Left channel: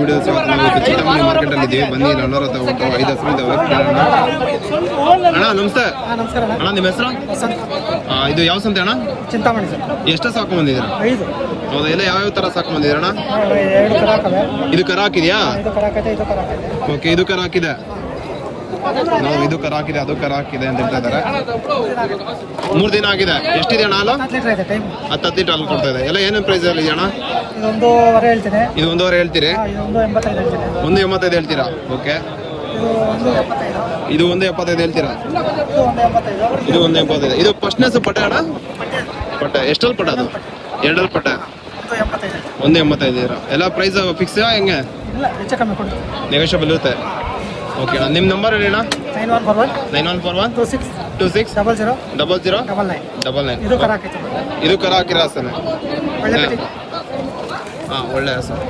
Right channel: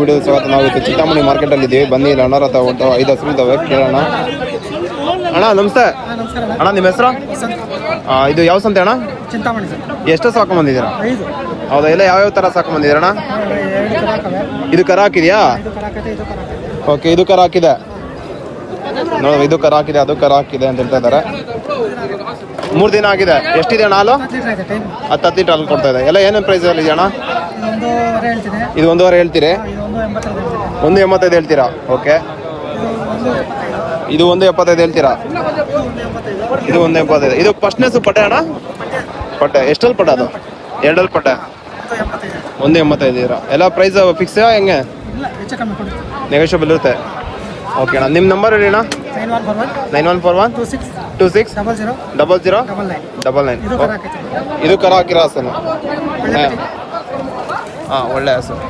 Video ಸ್ವಾಗತ. ನಾವು Chintamani market ಅಲ್ಲಿ ಇದ್ದೀವಿ. ಬನ್ನಿ ಅಣ್ಣರ ಹತ್ರ ಒಟ್ಟು 5 ಹಸು ಇದಾವೆ, ಕೇಳೋಣ. ಅಣ್ಣ ನಮಸ್ತೆ. ಅಣ್ಣ ನಿಮ್ಮ ಹೆಸರು? ಇದು ಯಾವ ಸಂತೆ ಅಣ್ಣ? ಚಿಂತಾಮಣಿ ಸರ್. ಎಷ್ಟು ಸಾಕು ಬಂದಿದ್ದೀರಾ? 5. ಹೌದಾ? ಎಲ್ಲ ಯಾವ್ಯಾವ ತರ ಸಾಕು ಬಂದಿದ್ದೀರಣ್ಣ? 2 ಕರ ಹಾಕವೆ. ಇದು ಕರ ಹಾಕಿದ್ಯಾ? ಇದು ಕರ ಹಾಕೈತೆ, ಇದು ಕರ ಹಾಕೈತೆ. ಓಕೆ, ಇದು ಕರ ಹಾಕಿದೆ ನೋಡಿ. ಇದು ಕರ ಹಾಕಿದೆ, ಅದು ಕರ ಹಾಕಿದೆ ಅಂತ ಹೇಳ್ತಾ ಇದ್ದಾರೆ. 3 ದಿನ ಆಗಿದೆ. ಎಷ್ಟಿದೆ ಅಣ್ಣ ಹಾಲು? 10 ಲೀಟರ್ ಐತೆ ಟೈಮ್. 10 ಲೀಟರ್ ಹಾಲು ಕೊಡ್ತಾ ಇದೆ. ಎಲ್ಲ ಏನೇನು ಪ್ರೈಸ್ ಅಲ್ಲಿ ಅಣ್ಣ? ಇದು 1.5 ಹೇಳ್ತೀನಿ. ಇದು 1.5 ಹೇಳ್ತೀರಿ? ಇದು 1.85 ಹೇಳ್ತೀನಿ. 1.85 ಹೇಳ್ತೀರಾ? ಓಕೆ. ಇದು 1.75. ಇದು 1.75 ಹೇಳ್ತೀರಾ? ಇದು 1.85. ಇದು 1.85. ಇದು ಫಸ್ಟ್ನೆಸ್ ಪಟ್ಟೆ ಅಣ್ಣ? ಪಟ್ಟೆ ಎಷ್ಟಲ್ಲಿ ಪಟ್ಟ ಅದು? 2 ಪಟ್ಟೆ. 1.85 ಇದ್ದೀರಾ? ಎಲ್ಲ ಪ್ರೈಸ್ ಫಿಕ್ಸ್ ಹೆಂಗೆ? ಇಲ್ಲ, ಹೆಚ್ಚು ಕಮ್ಮಿ ಕೊಡಿ. ನೆಗೋಷಿಯಬಲ್ ಇರುತ್ತೆ. ಓಕೆ ಅಣ್ಣ, ನಿಮ್ಮ ನಂಬರ್ ಹೇಳಿ ಅಣ್ಣ. 9141 26 00 99. ಇದು ಕರ ಹಾಕೈತೆ. ಇದು ಕರ ಹಾಕಿರೋ ಸರ್? ಒಳ್ಳೆ ಹಾಂ, ಒಳ್ಳೆ ಸರ್.